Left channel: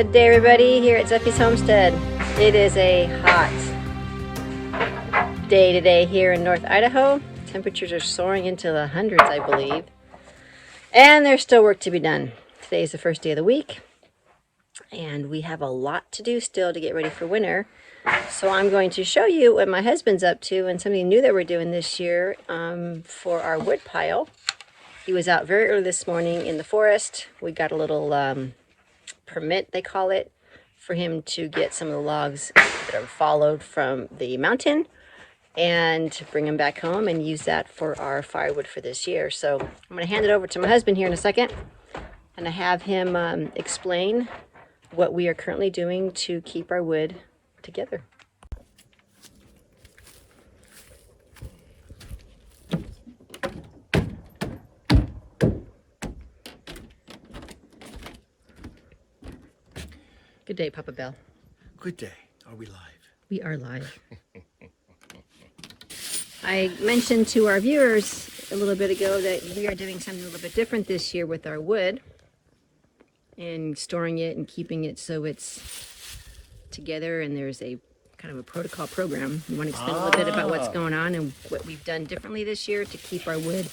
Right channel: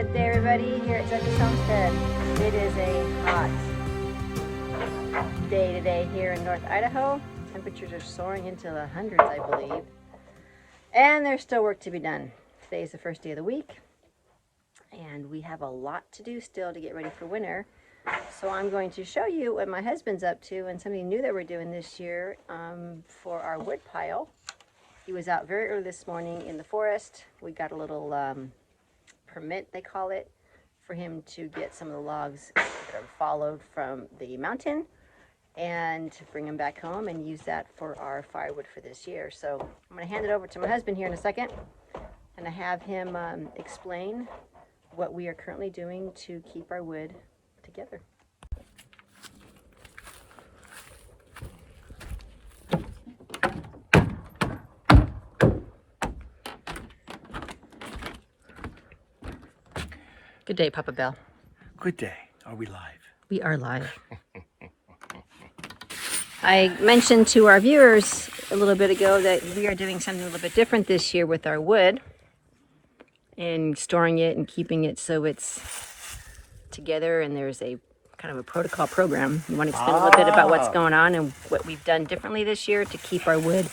Good day, everybody, here at Zeffie's Homestead. It is a hot day today here in North Idaho. Temperatures are soaring into the hundreds, I believe. And there's still work to be done. Today is the first day of the week, and we have a lot to do still to get ready for winter. So I'm going to show you what my husband's up to and something new that we're doing this year for our wood pile. He was out very early this morning in the forest. We got a little permit, they call it, for him to get some of the logs that are followed from the mountain and to bring them back home and use that for our firewood for this year. So I'm going to hand it over to my husband here in a second, and I have him explain what we are currently doing to keep our wood together. Good day, Papa Bell. Good day. Are we live? We are live. I mentioned to our viewers a little bit ago that we are doing something a little bit different this year with our wood and storing it and keeping it so it's together, and there's a kind of a protocol program. You want to explain a little bit about what's going on and what we've done differently this year to keep our wood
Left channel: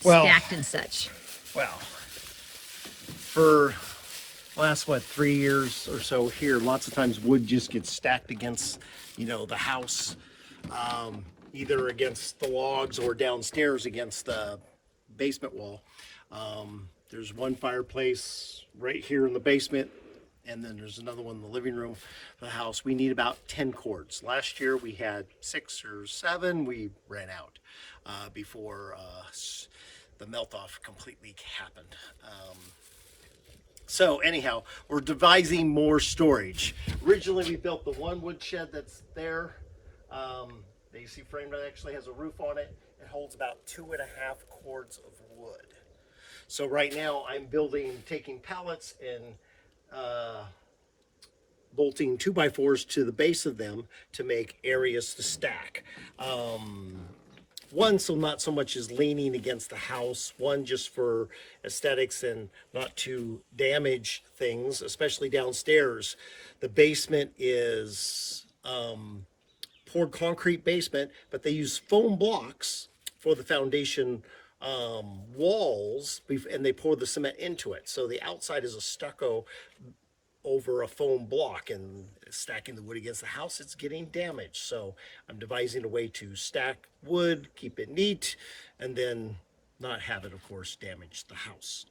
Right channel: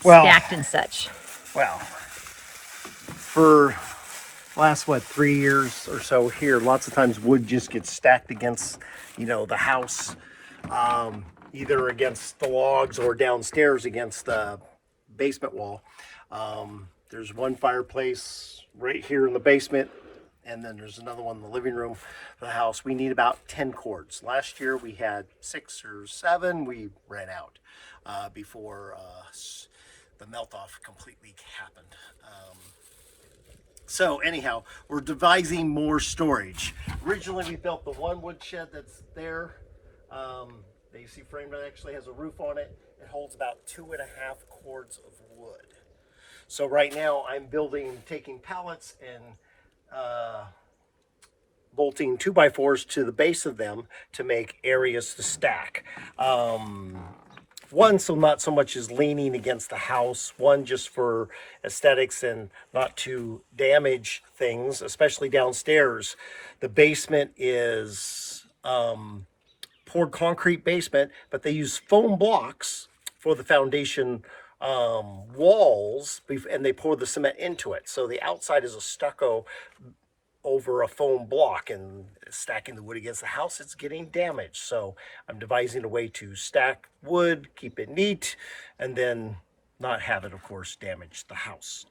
stacked and such? Well, for last 3 years or so here, lots of times wood just gets stacked against the house, either against the logs or downstairs against the basement wall. There's one fireplace right here in the basement, and then there's another one in the living room of the house. We need about 10 cords. Last year we had 6 or 7. We ran out before the melt-off completely happened. So anyhow, we're devising more storage. Originally, we built the one wood shed that's there. The AC frame that actually has a roof on it. It holds about 2.5 cords of wood. So right now, I'm taking pallets and bolting 2x4s to the base of them to make areas to stack. One, so not so much as leaning against the house. One, just for aesthetics and not to damage things, especially downstairs. The basement is poured concrete basement, but they use foam blocks for the foundation walls, and they pour the cement into it. So the outside is a stucco over a foam block, and stacking the wood against the house, it's getting damaged. So I'm devising a way to stack wood, keep it neat, and then not have it, of course, damage the house.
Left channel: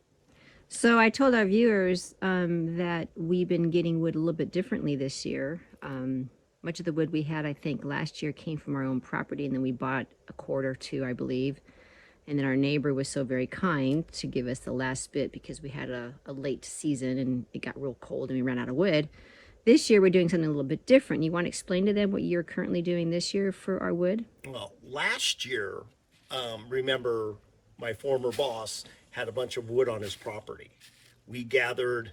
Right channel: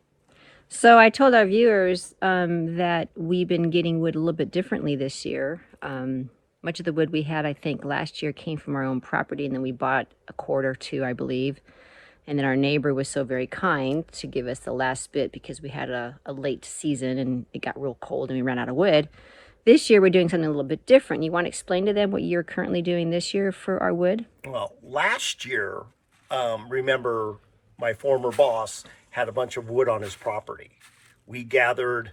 So I told our viewers that we've been getting wood a little bit differently this year. Much of the wood we had, I think, last year came from our own property, and then we bought a cord or two, I believe. And then our neighbor was so very kind to give us the last bit because we had a late season and it got real cold and we ran out of wood. This year we're doing something a little bit different. You want to explain to them what you're currently doing this year for our wood? Well, last year, remember my former boss had a bunch of wood on his property. We gathered,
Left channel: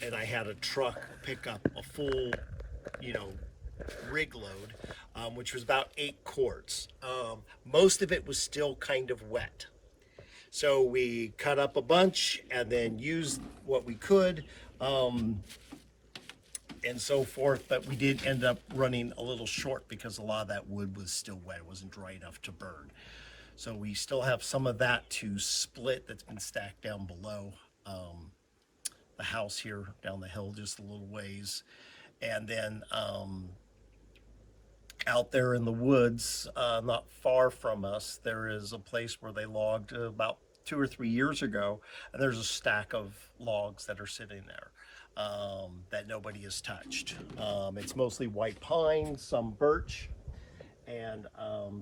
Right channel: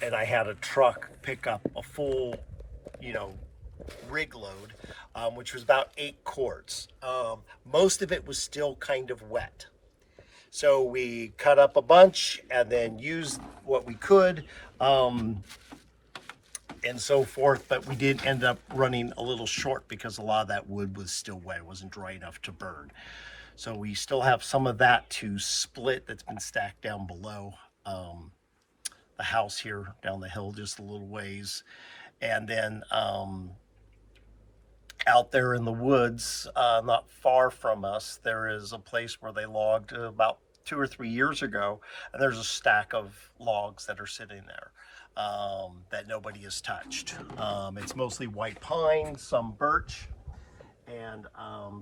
and I had a truck pick up a full, rig load, which was about 8 cords. Most of it was still kind of wet. So we cut up a bunch and then used what we could and so forth. But we did end up running a little short because a lot of that wood was still wet. It wasn't dry enough to burn. So we still have some of that to split that's been stacked down below the house here, down the hill just a little ways. And then out there in the woods, not far from us, there is a place where they logged about 2 or 3 years ago, and there's a stack of logs that are sitting there that nobody has touched. It's mostly white pine, some birch, and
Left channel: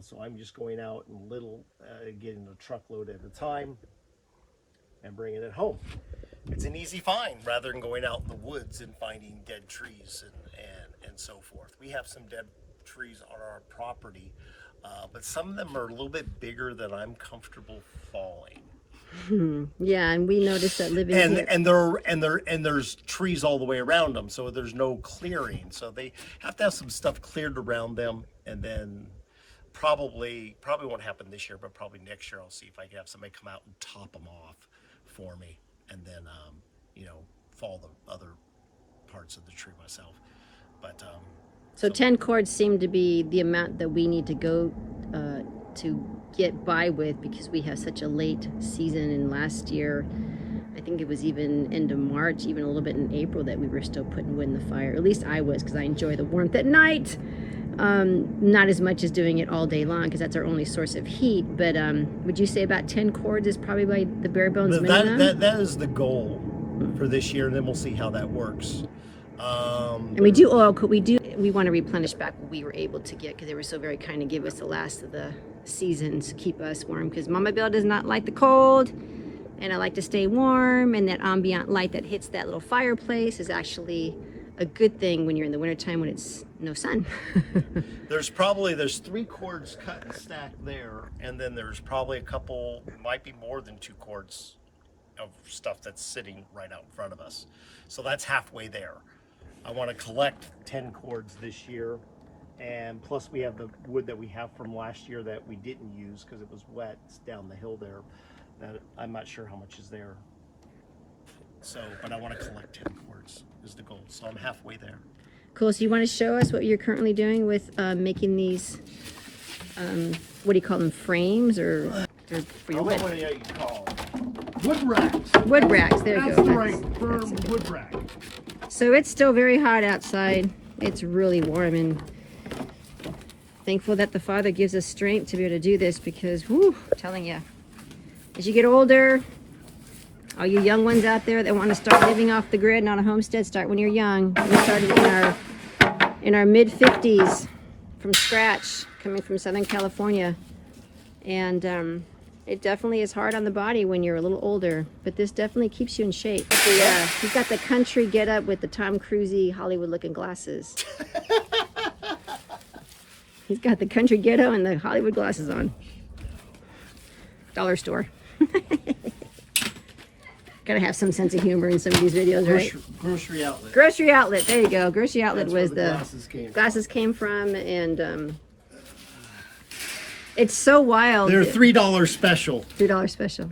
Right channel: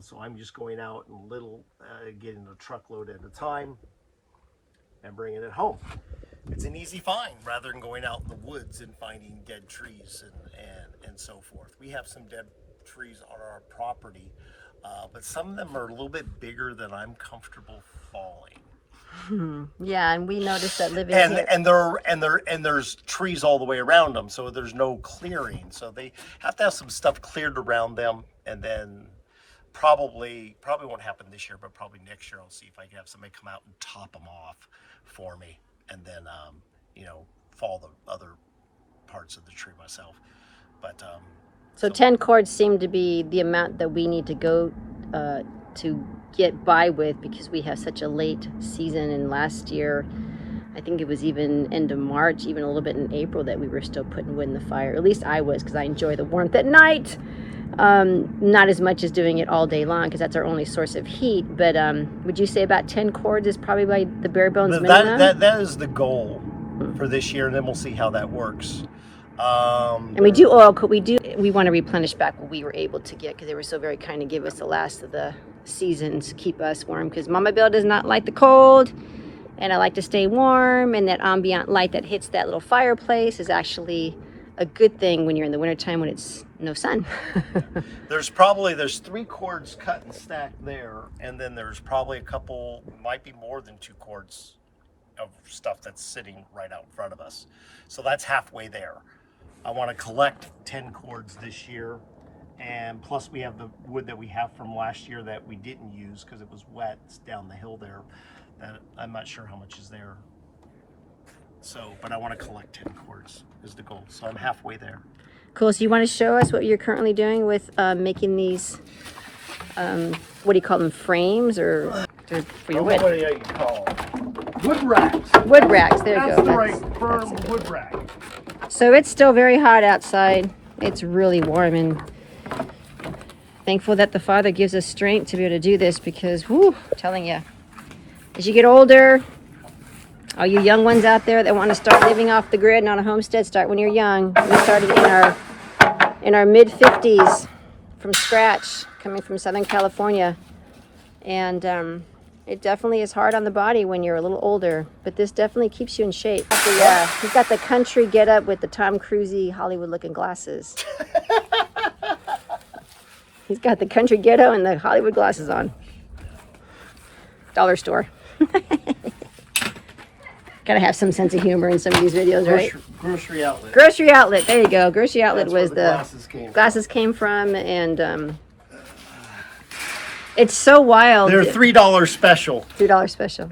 so I'm just going out and getting a truckload at a time and bringing it home. It's an easy find rather than going out in the woods and finding dead trees and so forth. We have some dead trees on our property, but some of them are a little bit bigger than I'm comfortable falling. Yeah, and we noticed that living and here. and there's trees all the way around them, so there's no clearing. So they have to have some stuff cleared around them, and then probably won't happen this year, but probably next year I'll see if I can have somebody come out and top them off for me, and then fall the other parts of the tree myself. But so 10 cords seem to be the amount that we need to go to get by with, because we have such a late season. And last year, I think it was even end of March, even a little bit in April, that we were still putting wood in the fire. At least I was, because I enjoy the warmth at night. Not as much as doing it all day long, because that's our only source of heat. But would you say about 10 cords is probably by the bare bones minimum? That is the goal for this year, and then we'll see how that works. And we do oil. We want to replenish back what we were able to get, because they were so very kind to give us the last of the seasons, keep us warm, because Mama Bill does not like the cold, and I like to stay warm. And that ambient light that hits that little fireplace is actually a good thing when you're in the wintertime when it's no sun. There's 3 cords cut and stacked there, and then there's probably a couple, might be more than 2 cords of stuff that's sitting right out in front of us. So that's halfway there. I want to collect 10 cords this year, and plus we have the wood that we have from last year that we didn't use because it was wet. It's down the hill there. I'm not sure how much is there. So, but I want to collect 10 cords is the goal. So I'm halfway there. Cool. So you want to show us what you're currently doing with making these, what do you call them, frames or for your wood? What do you call them? Wood racks. Wood racks. There you go. That's the right firm wood rack. So it's still very hot outside. It's really warm, and thankful that the Father gives us strength to be able to do this, because, whoo, I'm telling you, as you get older, all you young ones out there that want to start living off the grid and on a homestead, start when you're young. We started in our mid-50s from scratch, coming from Southern California. And it definitely is hard on the body when you're a little older, but this definitely keeps you in shape. He's got the country get up with the Tom Cruise-y Hollywood-looking glasses. He's got the country ghetto and the Hollywood glasses on. Dollar store. Gotta have some sense of humor in some of these videos, right? Grocery outlet. Grocery outlet. There you go. Grocery outlet. That's was where the glasses came from, and it's so wild. They're $3 special. $3 special.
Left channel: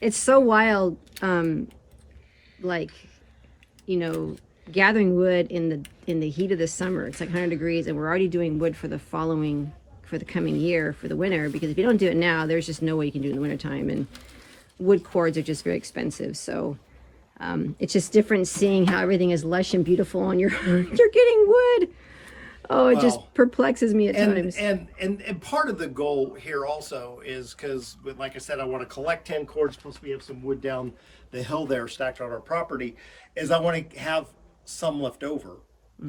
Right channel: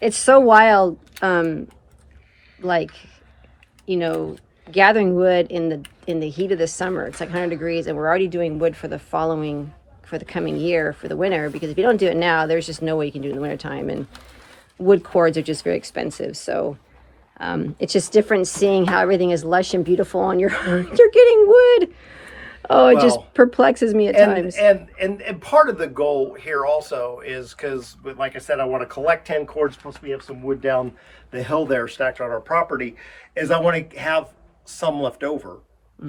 It's so wild. Like, you know, gathering wood in the heat of the summer. It's like 100 degrees, and we're already doing wood for the coming year, for the winter. Because if you don't do it now, there's just no way you can do it in the wintertime. And wood cords are just very expensive. So it's just different seeing how everything is lush and beautiful, and you're getting wood. Oh, it just perplexes me at times. And part of the goal here also is, because, like I said, I want to collect 10 cords, plus we have some wood down the hill there stacked on our property, is I want to have some left over.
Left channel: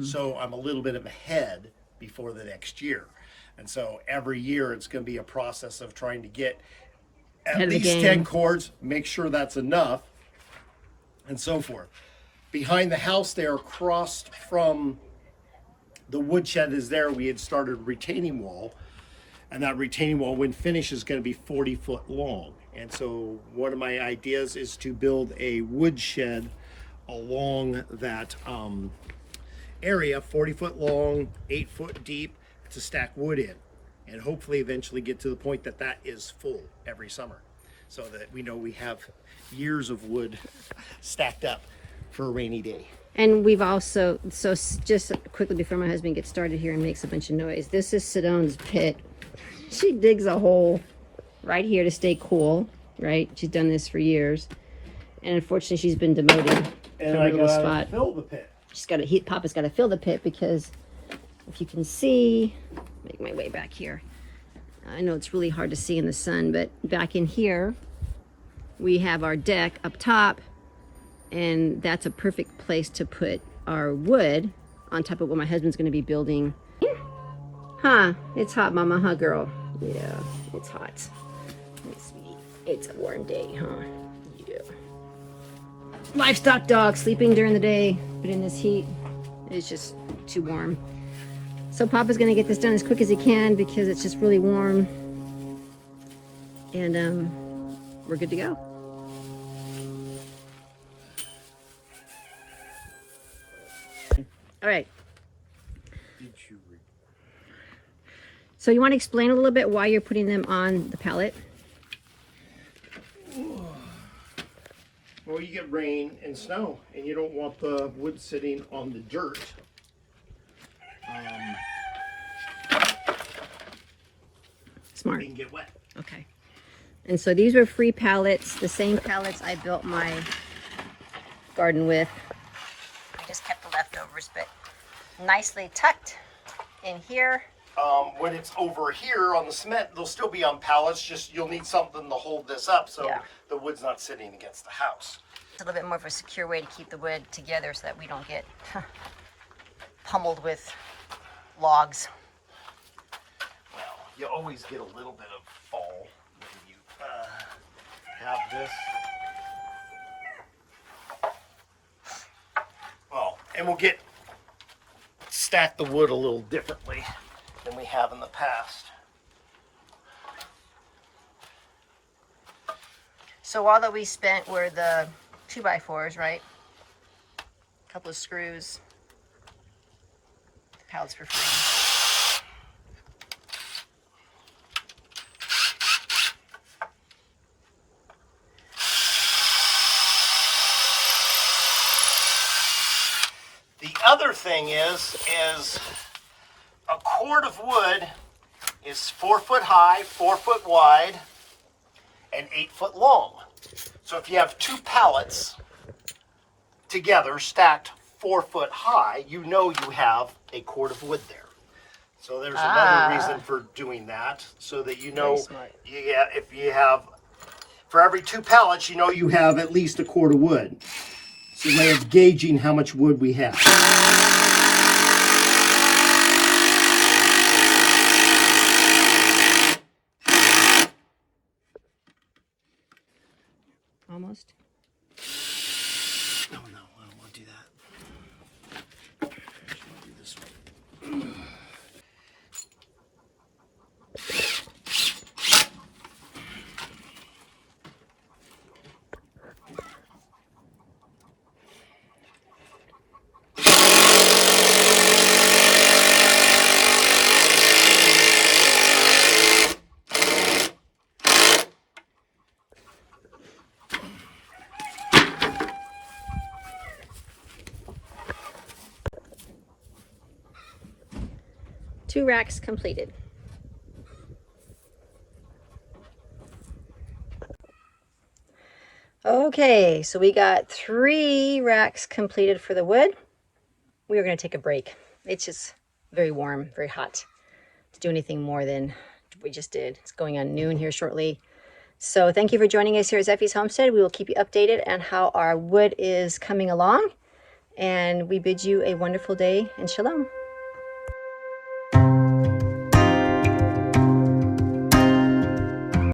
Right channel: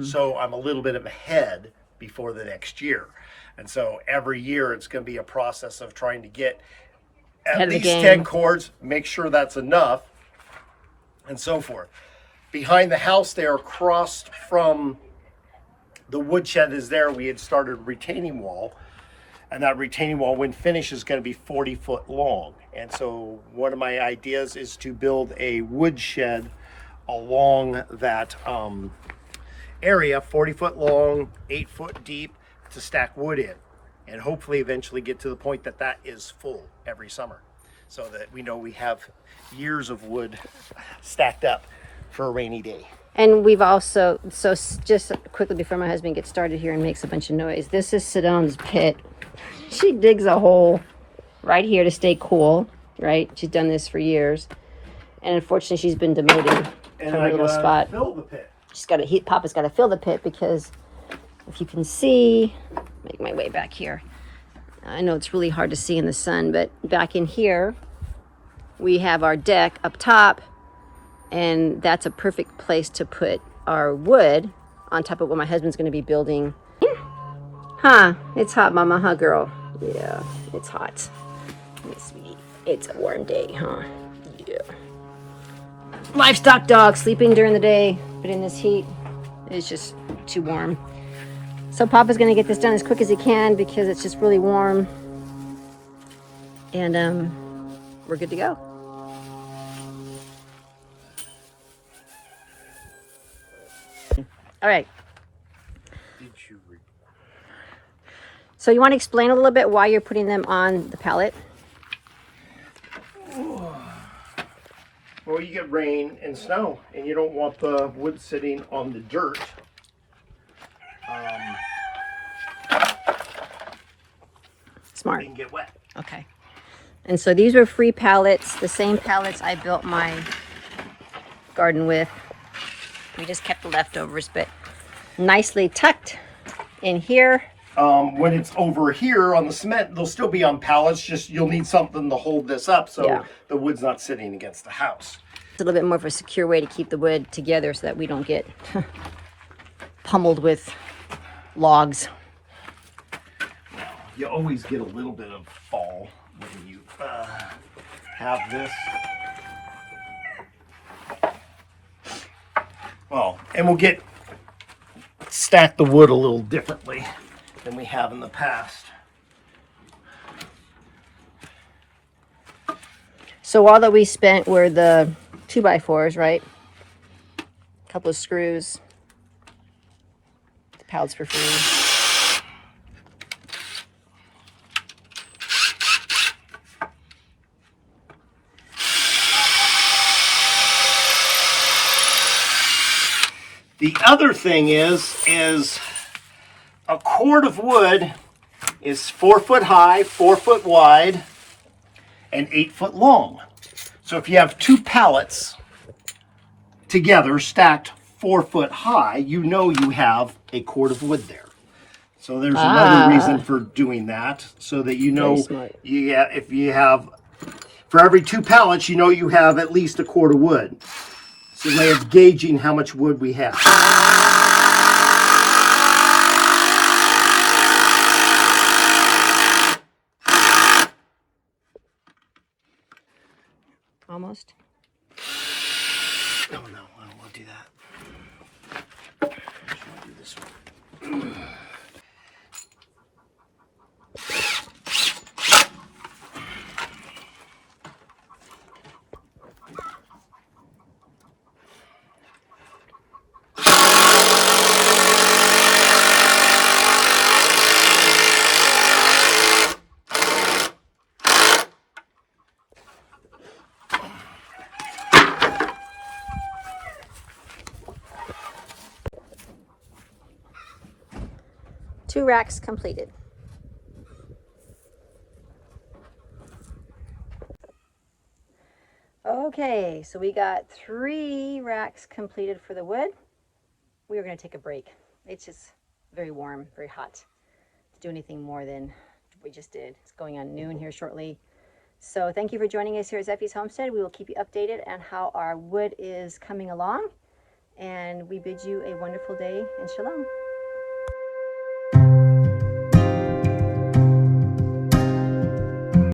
So I'm a little bit of ahead before the next year. And so every year it's going to be a process of trying to get at least 10 cords, make sure that's enough, and so forth. Behind the house there, across from the woodshed is there, we had started a retaining wall, and that retaining wall, when finished, is going to be 40 foot long. And so one of my ideas is to build a woodshed along that area, 40 foot long, 8 foot deep, to stack wood in, and hopefully eventually get to the point that that is full every summer, so that we know we have years of wood stacked up for a rainy day. And we've also, so just quickly before my husband gets started here and makes a bunch of noise, this is Sidone's pit. She digs a hole right here to stay cool, right? She's done this for years. And unfortunately, she's been demoted from her little spot. Fill the pit. She's got to, Papa's got to fill the pit, because if you can see, make my way back here. I know it's really hard to see in the sun, but back in here, we have our deck up top, and that's a perfect place to put our wood on top of what my husband's going to be building. Huh? It's hot, Mama, huh, girl? Yeah, it's hot. Let me see. It's a warm day, huh? Yeah. Livestock dog sleeping during the day, but in this heat, it's just too warm. So Papa's going to get this done as quick as he can, because it's just really warm. And we're good to go. All right. So you want to explain a little bit why you're putting them on the pallet? Well, you get rain and snow, and you don't want the wood sitting on the dirt. Smart. It can get wet. Okay. And so these were free pallets, the same pallets I built my garden with. We just kept the leftovers, but nicely tucked in here. When it's over here on the cement, they'll still be on pallets, just you'll need something to hold this up so the wood's not sitting against the house. It's a little bit more of a secure way to keep the wood together so that we don't get pummeled with logs. Now, you always get a little bit of fall when you have this. Well, and we'll stack the wood a little differently than we have in the past. So all that we spent were the 2x4s, right? A couple of screws. The pallets for free. The other thing is a cord of wood is 4 foot high, 4 foot wide, and 8 foot long. So if you have 2 pallets together stacked 4 foot high, you know you have a cord of wood there. So there's another reason for doing that, so that you know, if you have, for every 2 pallets, you know you have at least a cord of wood. It's a way of gauging how much wood we have. Almost. Oh no, I don't want to do that. I just want to do this one. Two racks completed. Okay, so we got 3 racks completed for the wood. We are going to take a break. It's just very warm, very hot to do anything more than we just did. It's going on noon here shortly. So thank you for joining us here at Zeffie's Homestead. We will keep you updated on how our wood is coming along. And we bid you a wonderful day and shalom.